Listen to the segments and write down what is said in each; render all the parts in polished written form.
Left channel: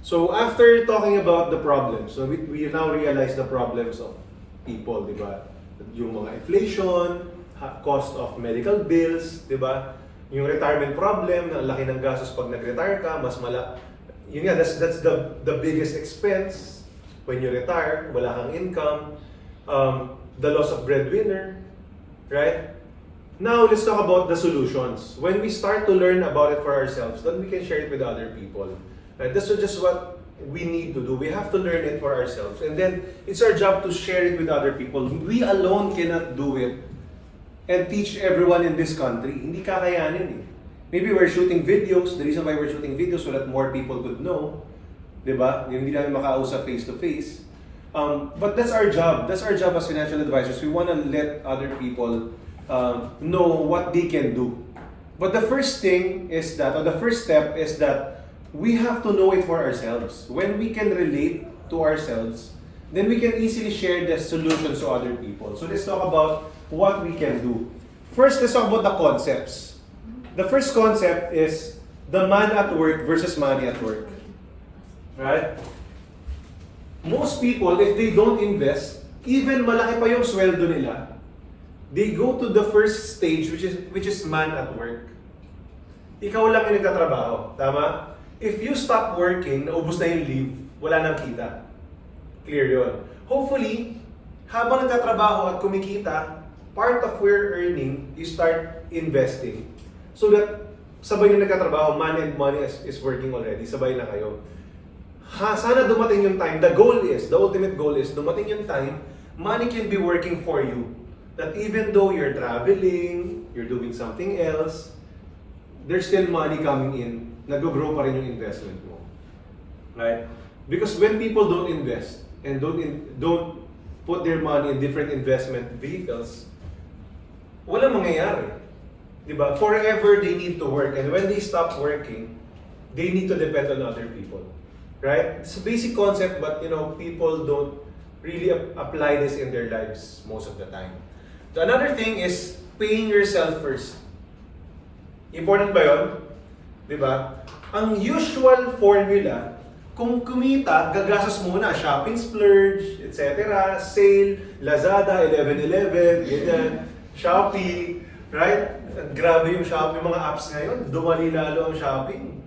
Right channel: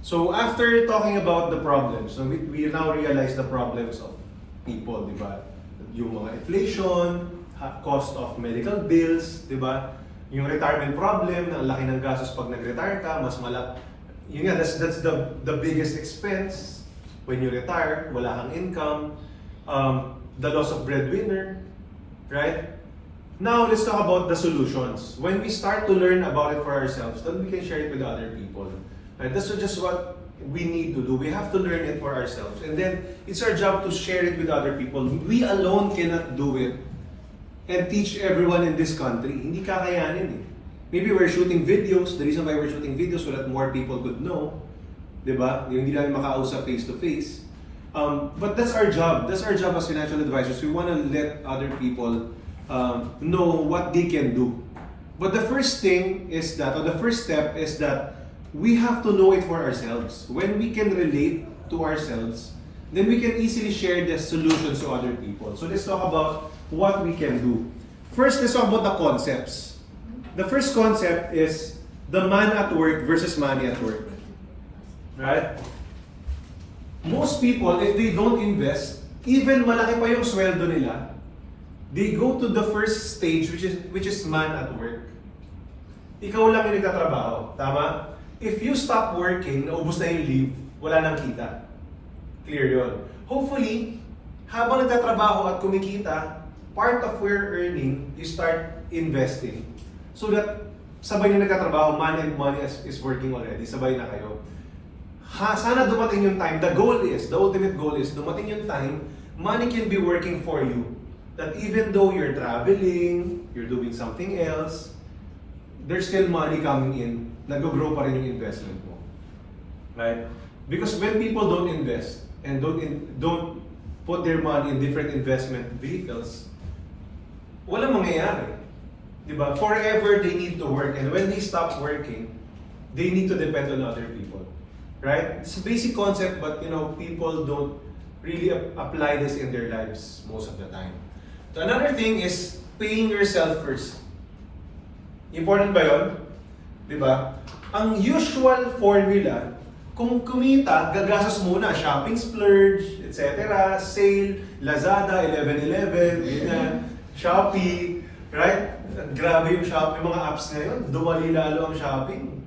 So after talking about the problems, so we now realize the problems of people, di ba? Yung mga inflation, cost of medical bills, di ba? Yung retirement problem, na ang laki ng gastos pag nag-retire ka, mas yun nga, that's the biggest expense when you retire, wala kang income, the loss of breadwinner, right? Now, let's talk about the solutions. When we start to learn about it for ourselves, then we can share it with other people. Right? That's just what we need to do. We have to learn it for ourselves. And then, it's our job to share it with other people. We alone cannot do it and teach everyone in this country. Hindi kakayanin eh. Maybe we're shooting videos. The reason why we're shooting videos so that more people could know. Diba? Hindi lang makausap face-to-face. But that's our job. That's our job as financial advisors. We want to let other people know what they can do. But the first thing is that, or the first step is that we have to know it for ourselves. When we can relate to ourselves, then we can easily share the solutions to other people. So let's talk about what we can do. First, let's talk about the concepts. The first concept is the man at work versus money at work. Right? Most people, if they don't invest, even malaki pa yung sweldo nila, they go to the first stage, which is man at work. Ikaw lang yung nagtatrabaho, tama? If you stop working, naubos na yung leave, wala nang kita. Clear yun. Hopefully, habang nagtatrabaho at kumikita, part of your earning, you start investing. So that sabay na nagtatrabaho, money is working already, sabay na kayo. Sana dumating yung time, the ultimate goal is, dumating yung time, money can be working for you. That even though you're traveling, you're doing something else, there's still money coming in, nag-grow pa rin yung investment mo. Right? Because when people don't invest, and don't put their money in different investment vehicles, walang mangyayari. Diba? Forever they need to work, and when they stop working, they need to depend on other people. Right? It's a basic concept, but people don't really apply this in their lives most of the time. So another thing is paying yourself first. Important ba yun? Diba? Ang usual formula, kung kumita, gagastos muna, shopping splurge, etc., sale, Lazada, 11-11, ganyan, Shopee, right? Grabe yung Shopee, mga apps ngayon, dumali lalo ang shopping.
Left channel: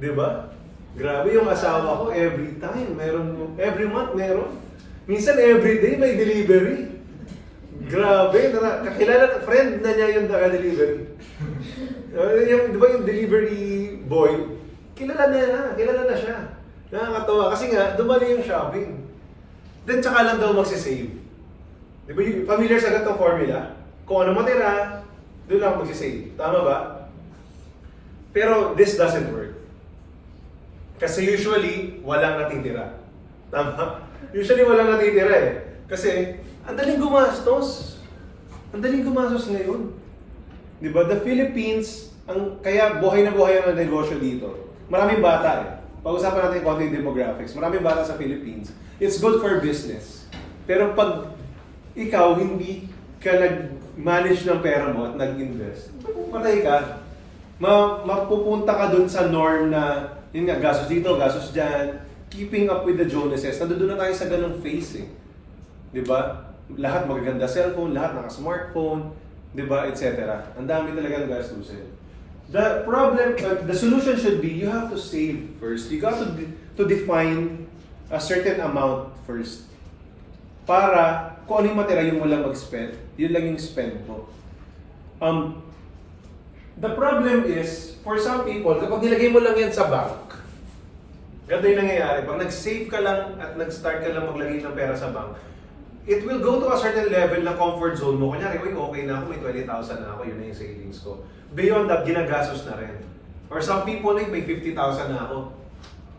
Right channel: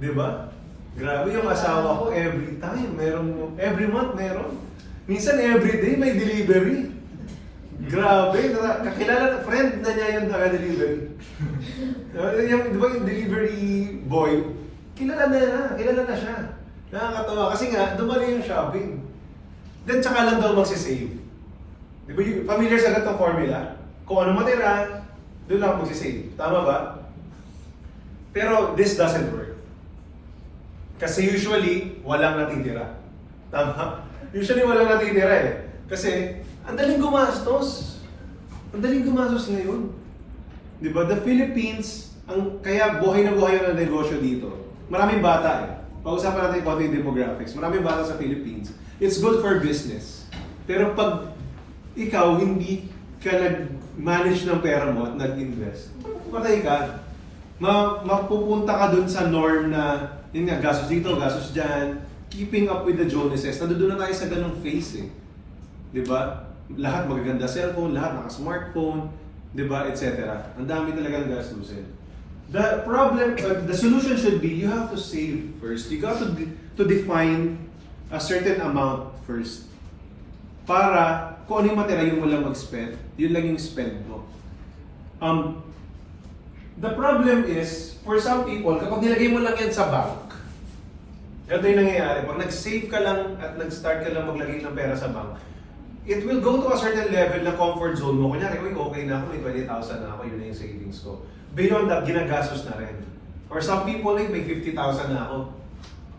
Diba? Grabe yung asawa ko, every month meron. Minsan every day may delivery. Grabe, kakilala, friend na niya yung naka-delivery. Di ba yung delivery boy, kilala na siya. Nakakatawa kasi nga, dumali yung shopping. Then tsaka lang daw magsisave. Di ba yung familiar sa gatong formula? Kung ano matira, doon lang magsisave. Tama ba? Pero this doesn't work. Kasi usually, walang natitira. Tama? Usually walang natitira eh. Kasi, ang daling gumastos. Ang daling gumastos ngayon. Di ba? The Philippines, kaya buhay na ang negosyo dito. Maraming bata eh. Pag-usapan natin konti yung demographics. Maraming bata sa Philippines. It's good for business. Pero pag ikaw hindi ka nag-manage ng pera mo at nag-invest, patay ka. Mapupunta ka dun sa norm na, yun nga, gastos dito, gastos dyan, keeping up with the Joneses. Nandoon na tayo sa ganong phase eh. Di ba? Lahat magaganda cellphone, lahat naka-smartphone, di ba, etc. Ang dami talagang gastusin. The problem, the solution should be, you have to save first. You got to define a certain amount first. Para, kung ano yung matira yung walang mag-spend, yun lang yung spend mo. The problem is, for some people, kapag nilagay mo lang yan sa bank, ganito yung nangyayari. Pag nag-save ka lang at nag-start ka lang maglagay ng pera sa bank, it will go to a certain level na comfort zone mo. Kunyari, okay na ako, may 20,000 na ako, yun na yung savings ko. Beyond that, ginagastos na rin. Or some people, like, may 50,000 na ako.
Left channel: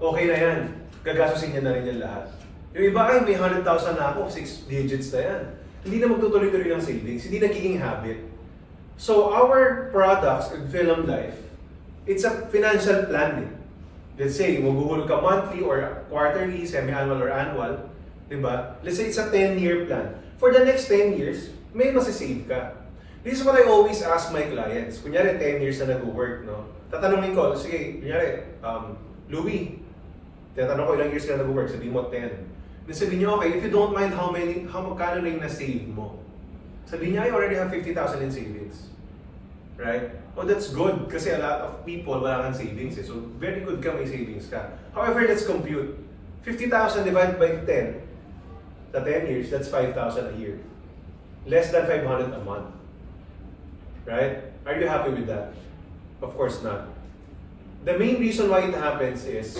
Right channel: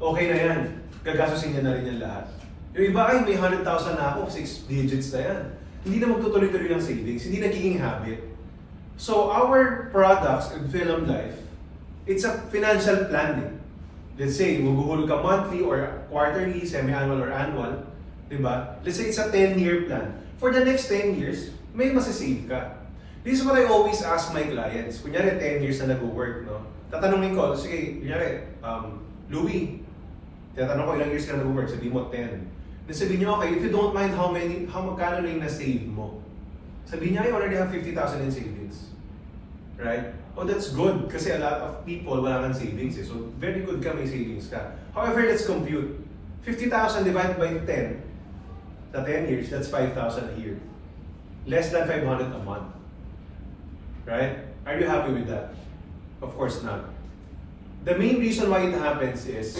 Okay na yan. Gagastosin niya na rin yung lahat. Yung iba, ay, may 100,000 na ako, 6 digits na yan. Hindi na magtutuloy-tuloy ng savings, hindi nagiging habit. So, our products in Film Life, it's a financial planning. Let's say, maguhulog ka monthly or quarterly, semi-annual or annual, diba? Let's say it's a 10-year plan. For the next 10 years, may masisave ka. This is what I always ask my clients. Kunyari, 10 years na nag-work, no? Tatanungin ko, sige, kunyari, Louie, Tinatanong ko ilang years ka na nag-work, sabihin mo 10. Then sabihin niyo, okay, if you don't mind how magkano na yung na-save mo? Sabihin niya, I already have 50,000 in savings. Right? Oh, that's good kasi a lot of people wala kang savings eh. So, very good ka may savings ka. However, let's compute. 50,000 divided by 10 sa 10 years, that's 5,000 a year. Less than 500 a month. Right? Are you happy with that? Of course not. The main reason why it happens is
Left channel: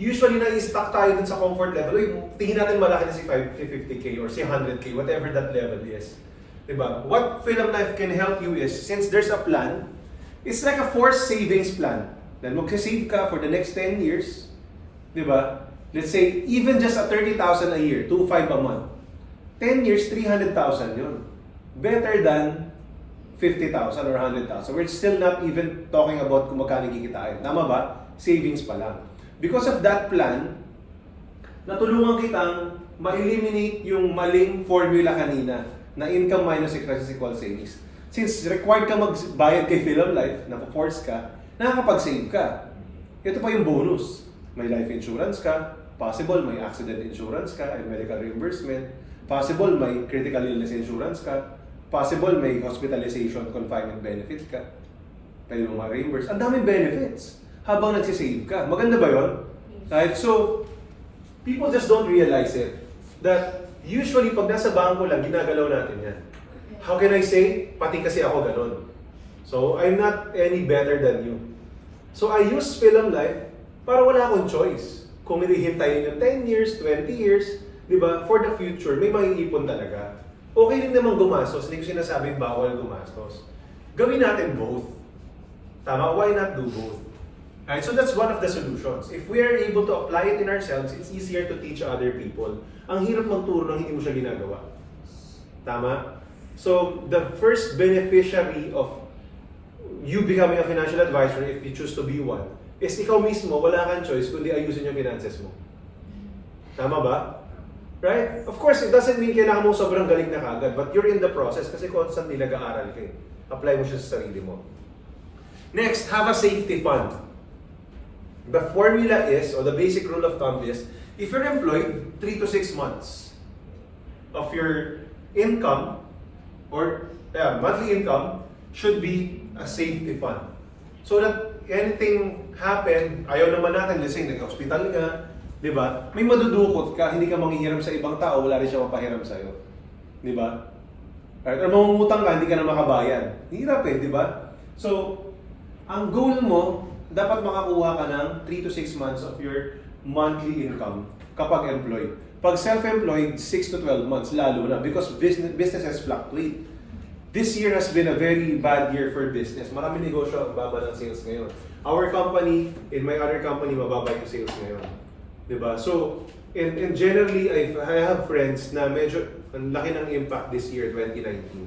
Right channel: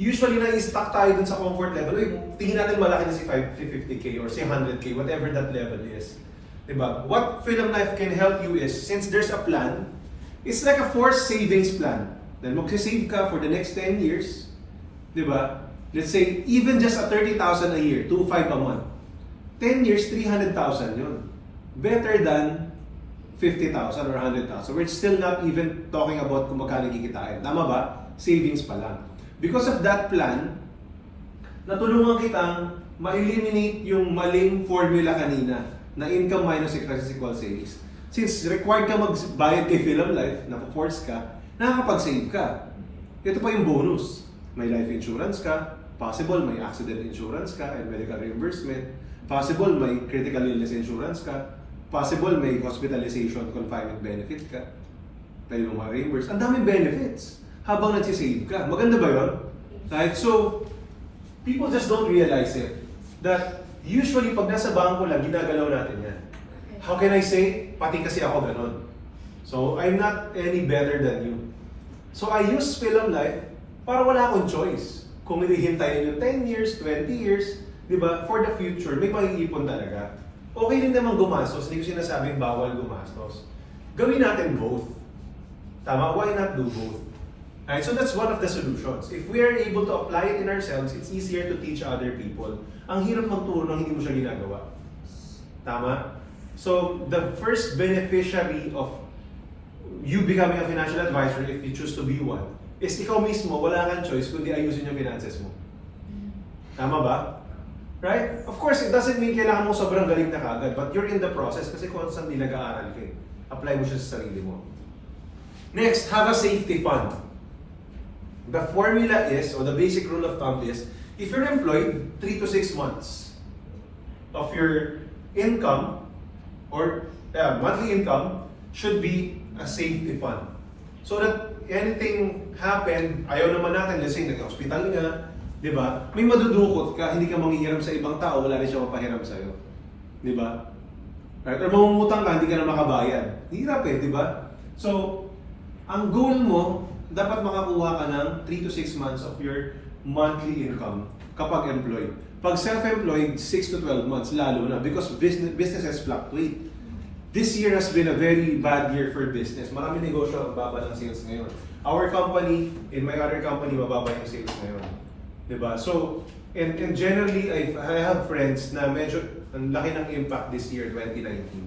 usually na-stuck tayo dun sa comfort level. Uy, tingin natin malaki na si 50K or si 100K, whatever that level is. Diba? What Film Life can help you is, since there's a plan, it's like a forced savings plan. Dahil magsisave ka for the next 10 years, diba? Let's say, even just a 30,000 a year, 2,500 a month. 10 years, 300,000 yun. Better than 50,000 or 100,000. We're still not even talking about kung magkano kikitain. Tama ba? Savings pa lang. Because of that plan, natulungan kitang ma-eliminate yung maling formula kanina na income minus expenses equals savings. Since required ka magbayad kay Film Life, na-force ka, nakakapag-save ka. Ito pa yung bonus. May life insurance ka, possible may accident insurance ka and medical reimbursement, possible may critical illness insurance ka, possible may hospitalization confinement benefits ka, pwede mo ma-reimburse. Ang daming benefits habang nagsisave ka. Maganda ba yun? Right? So, people just don't realize it. That usually pag nasa bangko lang, ginagalaw natin yan. How can I say? Pati kasi ako ganon. So, I'm not any better than you. So, I use Film Life para wala akong choice. Kung hinihintayin yung 10 years, 20 years, di ba? For the future, may maiipon talaga. Okay rin naman gumastos, hindi ko sinasabing bawal gumastos. Gawin natin both. Tama? Why not do both? Right? So that's one of the solutions. If we are able to apply it in ourselves, it's easier to teach other people. Ang hirap magturo nang hindi mo siya ginagawa. Tama? So the first beneficiary of you becoming a financial advisor, if you choose to be one, is ikaw mismo, wala kang choice kundi ayusin yung finances mo. Tama ba? Right? Of course, it doesn't mean kailangan mo sobrang galing na kagad, but you're in the process kasi constantly nag-aaral ka. Apply mo siya sa sarili mo. Next, have a safety fund. The formula is, or the basic rule of thumb is, if you're employed, 3 to 6 months of your income, or monthly income, should be a safety fund. So that anything happen, ayaw naman natin, let's say, nag-hospital nga, di ba? May madudukot ka, hindi ka manghihiram sa ibang tao, wala rin siya mapahiram sa'yo. Di ba? Right? Or mamumutang ka, hindi ka na makabayan. Hirap eh, di ba? So, ang goal mo, dapat makakuha ka ng 3 to 6 months of your monthly income kapag employed. Pag self-employed, 6 to 12 months, lalo na, because businesses fluctuate. This year has been a very bad year for business. Marami negosyo, mababa ng sales ngayon. Our company, in my other company, mababa yung sales ngayon. Diba? So, and generally, I have friends na medyo ang laki ng impact this year, 2019.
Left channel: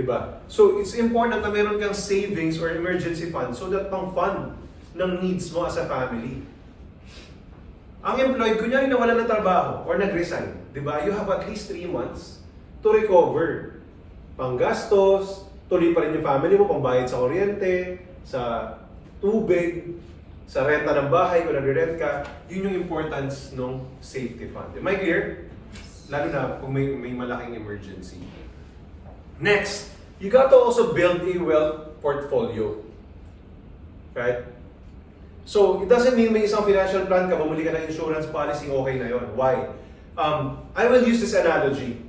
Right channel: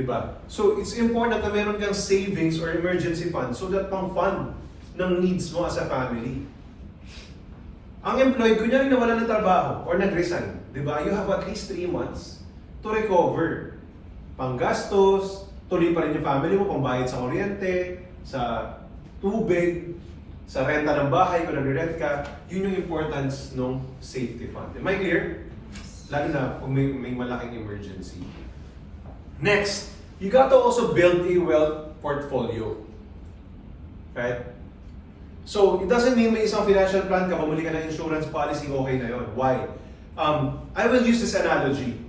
Diba? So, it's important na meron kang savings or emergency fund so that pang-fund ng needs mo as a family. Ang employed, kunyari nawalan ng trabaho or nag-resign, diba? You have at least 3 months to recover. Panggastos, tuloy pa rin yung family mo, pambayad sa kuryente, sa tubig, sa renta ng bahay, kung nag-rent ka, yun yung importance ng safety fund. Am I clear? Lalo na kung may malaking emergency. Next, you got to also build a wealth portfolio. Right? So, it doesn't mean may isang financial plan ka, bumili ka ng insurance policy, okay na yun. Why? I will use this analogy.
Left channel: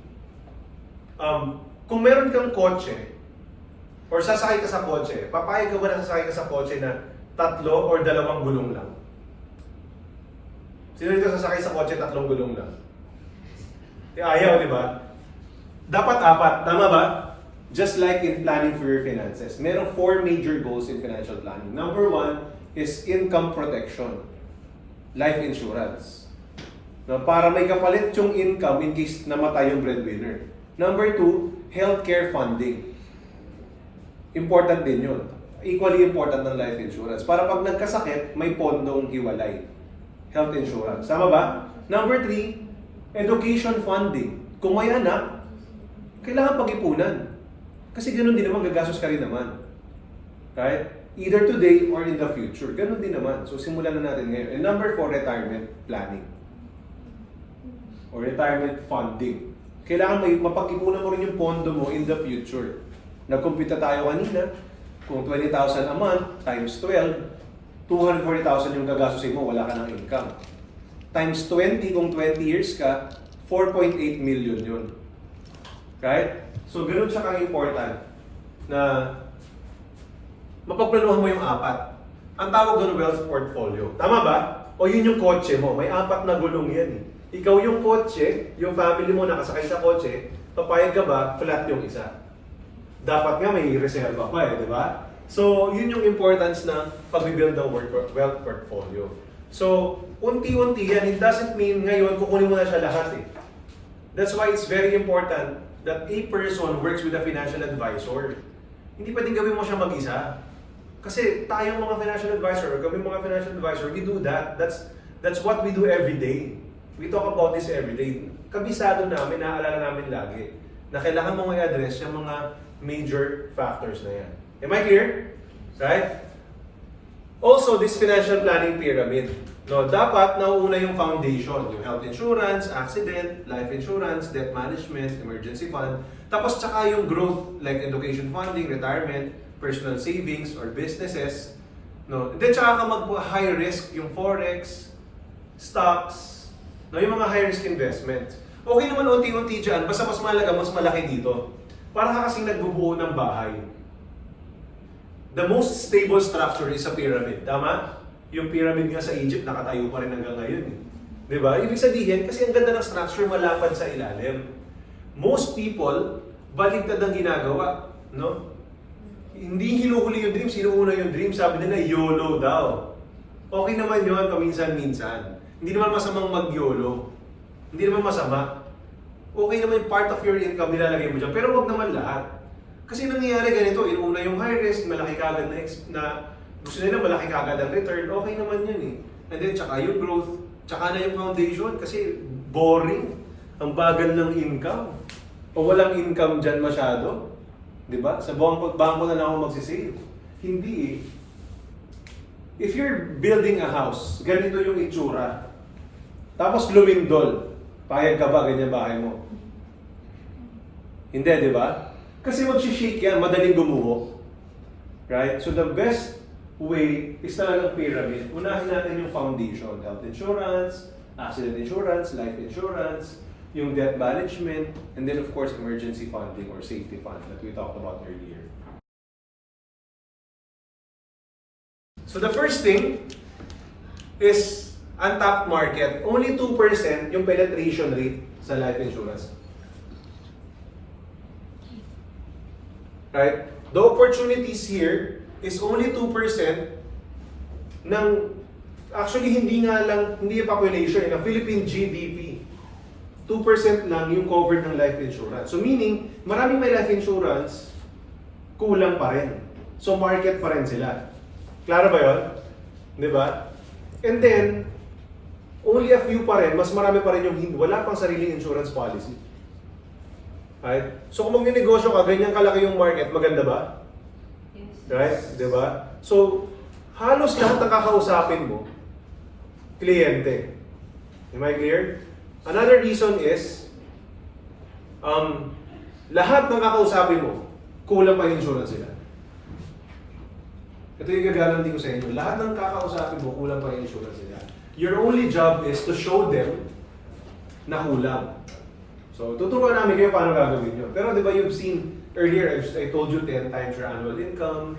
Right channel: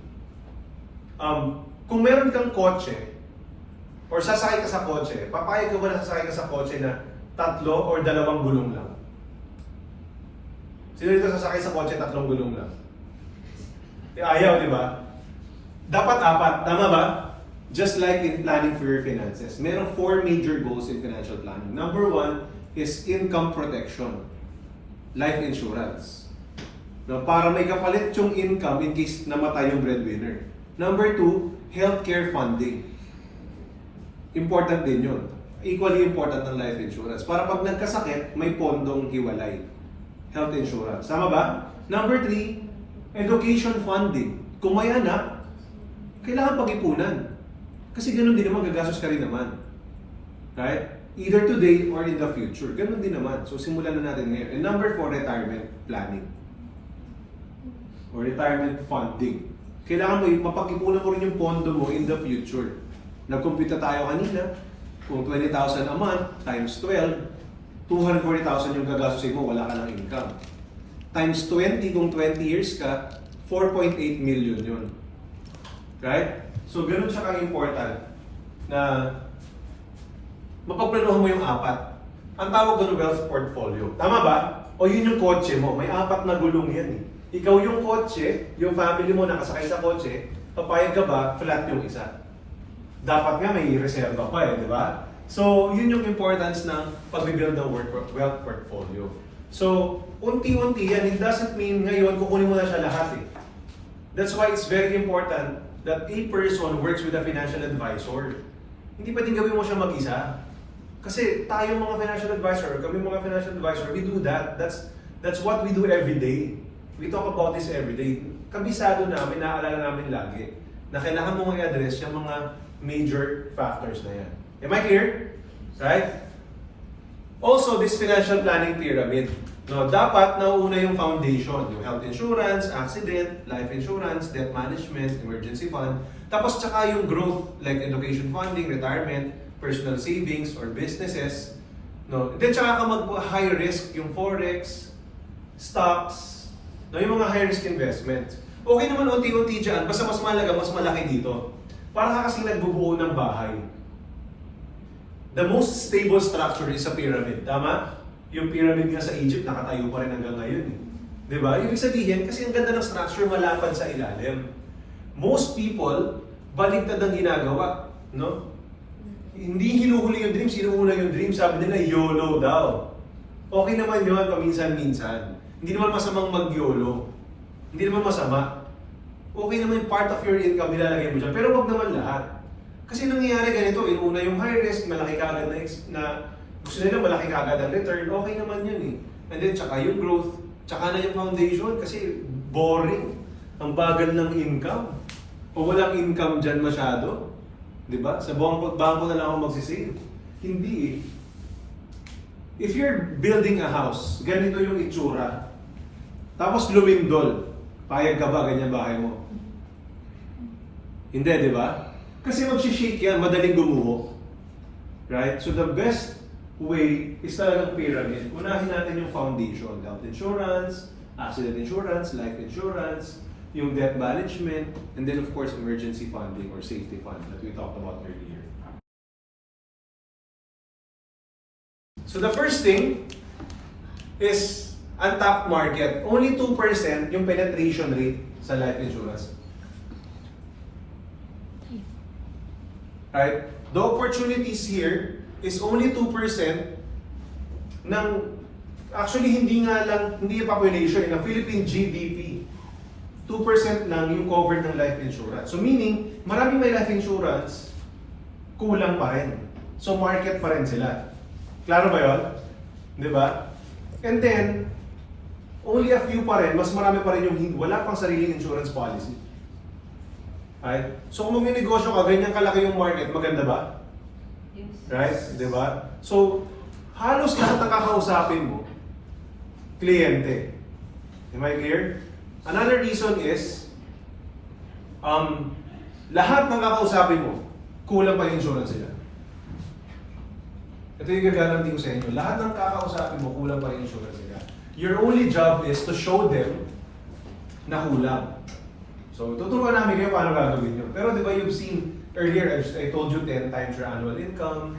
Kung meron kang kotse, or sasakay ka sa kotse, papayag ka ba na sasakay ka sa kotse na 3 or 2 gulong lang? Sino dito sasakay sa kotse 3 gulong lang? Ayaw, di ba? Dapat 4, tama ba? Just like in planning for your finances, merong 4 major goals in financial planning. Number 1 is income protection, life insurance. Now, para may kapalit yung income in case namatay yung breadwinner. Number 2, healthcare funding. Important din yun. Equally important ng life insurance. Para pag nagkasakit, may pondong hiwalay. Health insurance. Tama ba? Number 3, education funding. Kung may anak, kailangan pag-ipunan. Kasi ganun din naman, gagastos ka rin naman. Right? Either today or in the future. Ganun din naman. So simulan na natin ngayon. And number 4, retirement planning. Or retirement funding. Kailangan mapag-ipunan mo rin yung pondo mo in the future. Nag-compute tayo kanina. Kung 20,000 a month times 12, 240,000 yung gagastusin mo, wala ka ng income. Times 20, kung 20 years ka, 4.8 million yun. Right? So, ganun siya ka-important na mapagplanuhan mo yung 4. Ang tawag doon wealth portfolio. Tama ba? O yun yung kotse mo. May 4 na gulong yan eh. Ikaw yung kotse, yung family mo nakasakay sa kotse, papayag ka ba, flat yung isa. Dapat nga may reserva pa eh, di ba? So, yun yung importance ng pag-build ng wealth portfolio. So, unti-unti yan. It doesn't mean ngayon kukunin mo na siya lahat eh. That's why it's very important that a person works with a financial advisor. Hindi pwedeng gawin mo siya mag-isa. Kasi tayong mga financial advisor, we do that. That's what we do every day. We talk about this every day. Kabisado namin, naaalala namin lagi, na kailangan mong i-address yung mga major factors na yan. Am I clear? Right? Also, this financial planning pyramid. No, dapat nauuna yung foundation, yung health insurance, accident, life insurance, debt management, emergency fund. Tapos tsaka yung growth like education funding, retirement, personal savings or businesses. No, then tsaka ka mag-high risk yung forex, stocks, no, yung mga high risk investments. Okay naman unti-unti dyan, basta mas malaga, mas malaki dito. Parang kasing nagbubuo ng bahay. The most stable structure is a pyramid, tama? Yung pyramid nga sa Egypt, nakatayo pa rin hanggang ngayon. Diba? Ibig sabihin, kasi ang ganda ng structure, malapad sa ilalim. Most people, baligtad ang ginagawa. No? Hindi hinuhuli yung dream, sinuuna yung dream. Sabi nila, YOLO daw. Okay naman yun, paminsan-minsan. Hindi naman masamang mag-YOLO. Hindi naman masama. Okay naman yung part of your income nilalagay mo dyan. Pero wag naman lahat. Kasi nangyayari ganito, inuna yung high risk, malaki kagad na gusto nila malaki kagad ang return, okay naman yun eh. And then, tsaka yung growth, tsaka na yung foundation kasi boring. Ang bagal ng income. O walang income dyan masyado. Diba? Sa bangko na lang ako magsisave. Hindi eh. If you're building a house, ganito yung itsura. Tapos lumindol. Payag ka ba ganyan bahay mo? Hindi, di ba? Kasi mag-shake yan, madaling gumuho. Right? So the best way is talagang pyramid. Unahin natin yung foundation. Health insurance, accident insurance, life insurance, yung debt management, and then of course emergency funding or safety fund that we talked about earlier. So the first thing is untapped market. Only 2% yung penetration rate sa life insurance. Right? The opportunities here is only 2% ng, actually hindi yung population, ng Philippine GDP. 2% lang yung covered ng life insurance. So meaning, maraming may life insurance, kulang pa rin. So market pa rin sila. Klaro ba yun? Diba? And then, only a few pa rin, mas marami pa rin yung wala pang sariling insurance policy. Right? So kung mag-negosyo ka, ganyan kalaki yung market, maganda ba? Right? Diba? So, halos lahat ng kakausapin mo, kliyente. Am I clear? Another reason is, lahat ng kakausapin mo, kulang pa yung insurance sila. Ito yung gagalantin ko sa inyo. Lahat ng kakausapin mo, kulang pa yung insurance sila. Your only job is to show them na kulang. So, tuturuan namin kayo paano gagawin nyo. Pero di ba you've seen earlier, I told you 10 times your annual income.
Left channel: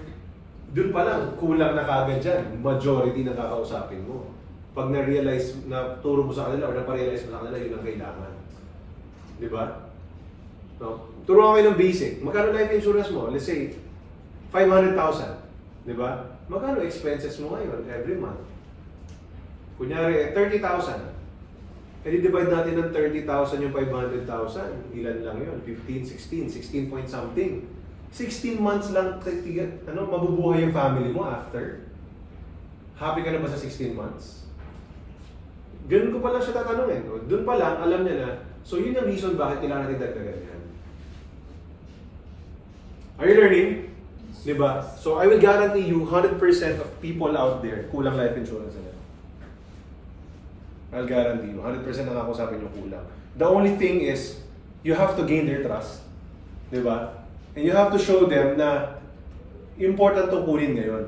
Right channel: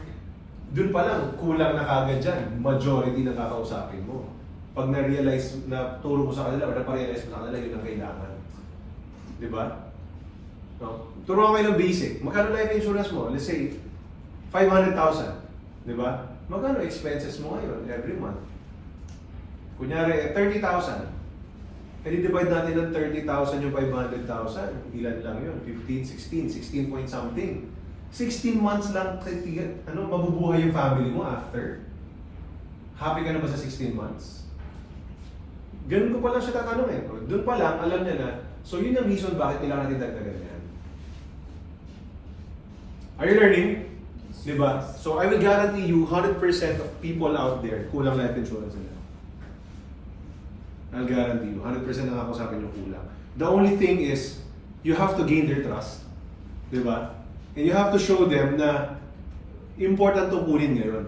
Doon pa lang, kulang na kagad dyan. Majority na kakausapin mo. Pag na-realize, na turo mo sa kanila o na-realize mo sa kanila, yun ang kailangan. Di ba? No? Turuan kayo ng basic. Magkano life insurance mo? Let's say, 500,000. Di ba? Magkano expenses mo ngayon every month? Kunyari, 30,000. E divide natin ng 30,000 yung 500,000. Ilan lang yun? 15, 16 point something. 16 months lang, mabubuhay yung family mo after? Happy ka na ba sa 16 months? Ganun ko pa lang siya tatanungin. Doon pa lang, alam niya na. So yun ang reason bakit kailangan natin dagdagan yan. Are you learning? Diba? So I will guarantee you 100% of people out there kulang life insurance nila. I'll guarantee you 100% ang ako sabi niyo kulang. The only thing is you have to gain their trust. Diba? And you have to show them na important tong kunin ngayon.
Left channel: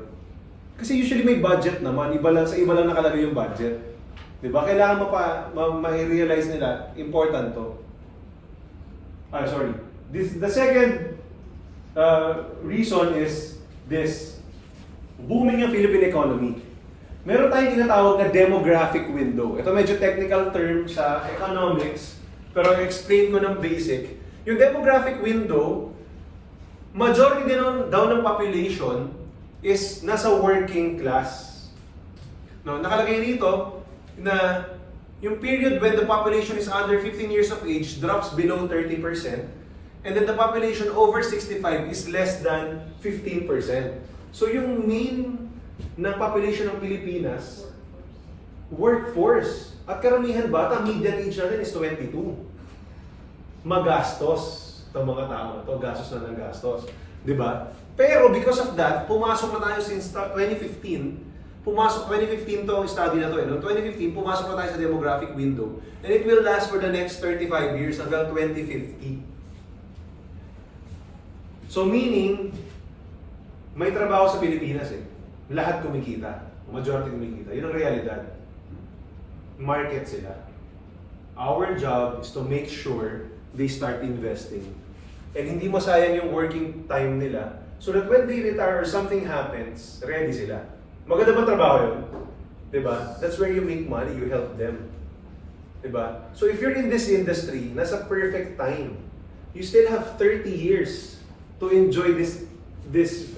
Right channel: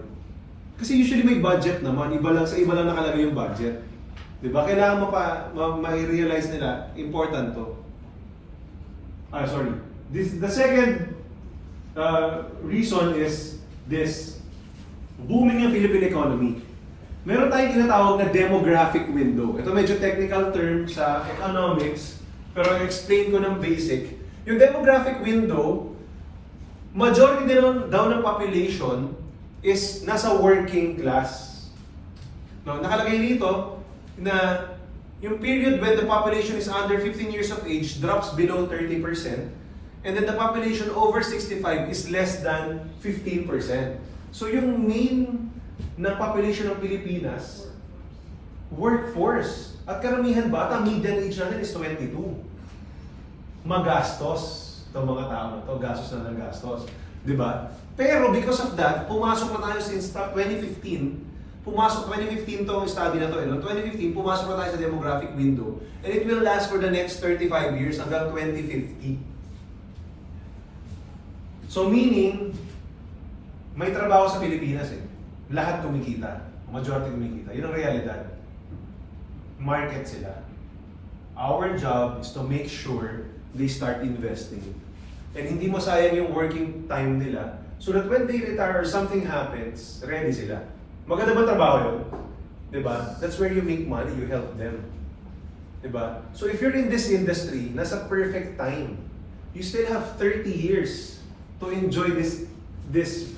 Kasi usually may budget naman, iba lang nakalagay yung budget. Diba? Kailangan mo pa ma-realize nila important to. The second reason is this booming ng Philippine economy. Meron tayong tinatawag na demographic window. Ito medyo technical term sa economics, pero explain ko ng basic. Yung demographic window, majority din daw ng population is nasa working class. No, nakalagay rito na yung period when the population is under 15 years of age drops below 30%, and then the population over 65 is less than 15%. So yung main na population ng Pilipinas, workforce. At karamihan bata, median age natin is 22. Magastos itong mga tao na ito, gastos na ng gastos. Diba? Pero because of that, pumasok na tayo since 2015. 2015 to ang study na to. No? 2015, pumasok na tayo sa demographic window. And it will last for the next 35 years hanggang 2050. So meaning, may trabaho sa Pilipinas eh. Lahat kumikita. Majority kumikita. Yun ang realidad. Market sila. Our job is to make sure they start investing. And hindi masayang yung working time nila so that when they retire or something happens, ready sila. Maganda ba trabaho yun? Diba? That's where you make money, you help them. Diba? So if you're in this industry, nasa perfect time. You still have 30 years to enjoy this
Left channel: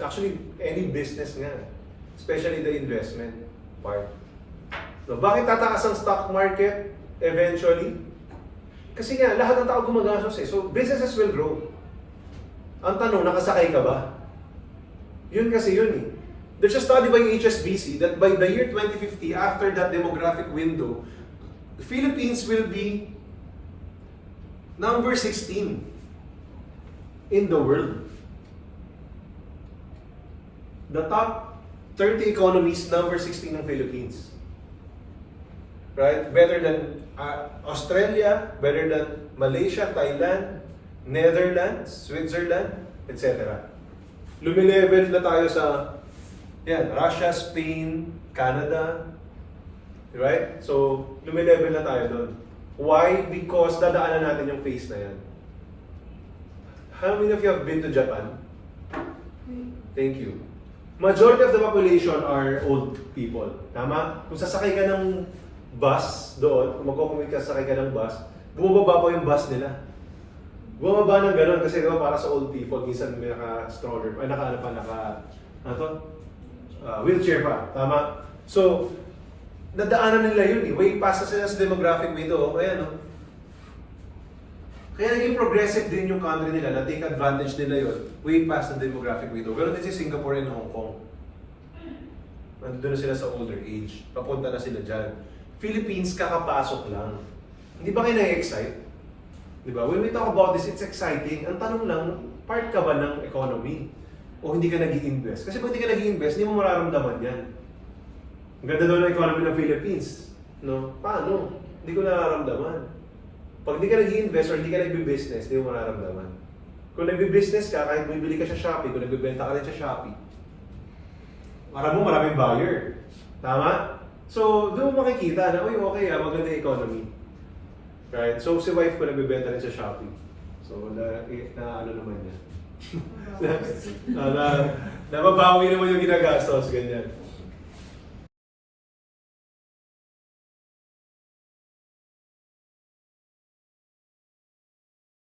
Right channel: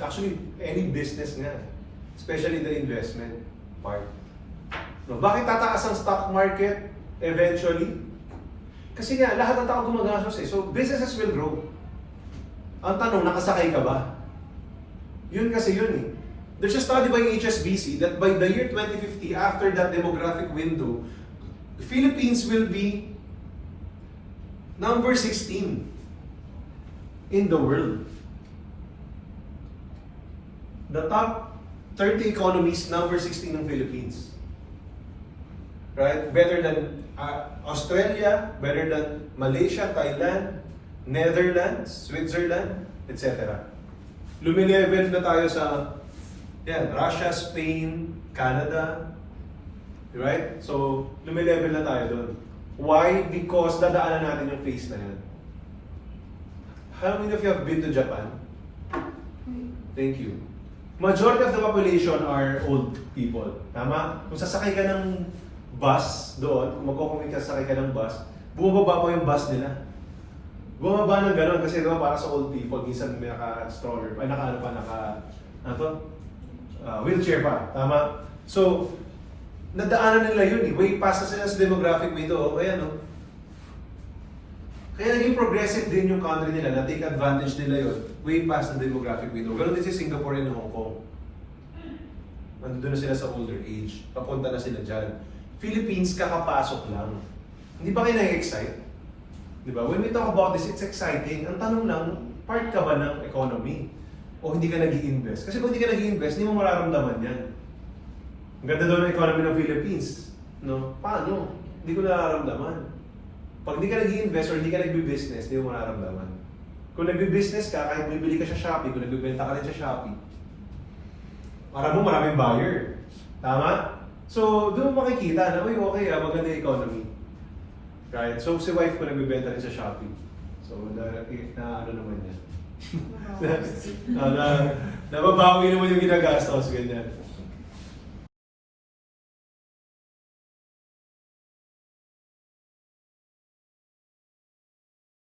actually any business nga. Especially the investment part. No, bakit tataas ang stock market eventually? Kasi nga, lahat ng tao gumagastos eh. So, businesses will grow. Ang tanong, nakasakay ka ba? Yun kasi yun eh. There's a study by HSBC that by the year 2050, after that demographic window, the Philippines will be number 16 in the world. The top 30 economies, number 16 ng Philippines. Right? Better than Australia, better than Malaysia, Thailand, Netherlands, Switzerland, etc. Lumilevel na tayo sa Russia, Spain, Canada. Right? So, lumilevel na tayo doon. Why? Because dadaanan natin yung phase na yan. How many of you have been to Japan? Thank you. Majority of the population are old people. Tama? Kung sasakay ka ng bus doon, kung magkukumit ka sasakay ka ng bus, bumababa pa yung bus nila. Bumaba ng gano'n kasi para sa old people, minsan may naka-stroller, wheelchair pa. Tama? So, nadaanan nila yun eh. Way past na sila sa demographic window. Ayan o. Kaya naging progressive din yung country nila, na take advantage nila yun, way past the demographic window. Pero din si Singapore and Hong Kong. Nandun na sila sa older age, papunta na sila dyan. Philippines, kakapasok lang. Hindi ba kayo na-excite? Diba? When we talk about this, it's exciting. Ang tanong lang, part ka ba ng economy? O hindi ka nag-i-invest? Kasi kung hindi ka nag-i-invest, hindi mo mararamdaman yan. Ang ganda doon ng economy ng Philippines. No? Paano? Hindi ko nararamdaman. Pag hindi ka nag-i-invest or hindi ka nag-business, hindi mo mararamdaman. Kung nag-business ka, kahit bibili ka sa Shopee, kung nagbibenta ka rin sa Shopee, maraming buyer. Tama? So, doon mo makikita na, okay, maganda yung economy. Right? So, si wife ko nagbibenta rin sa Shopee. So, ano naman yan. Nababawi naman yung ginagastos, ganyan.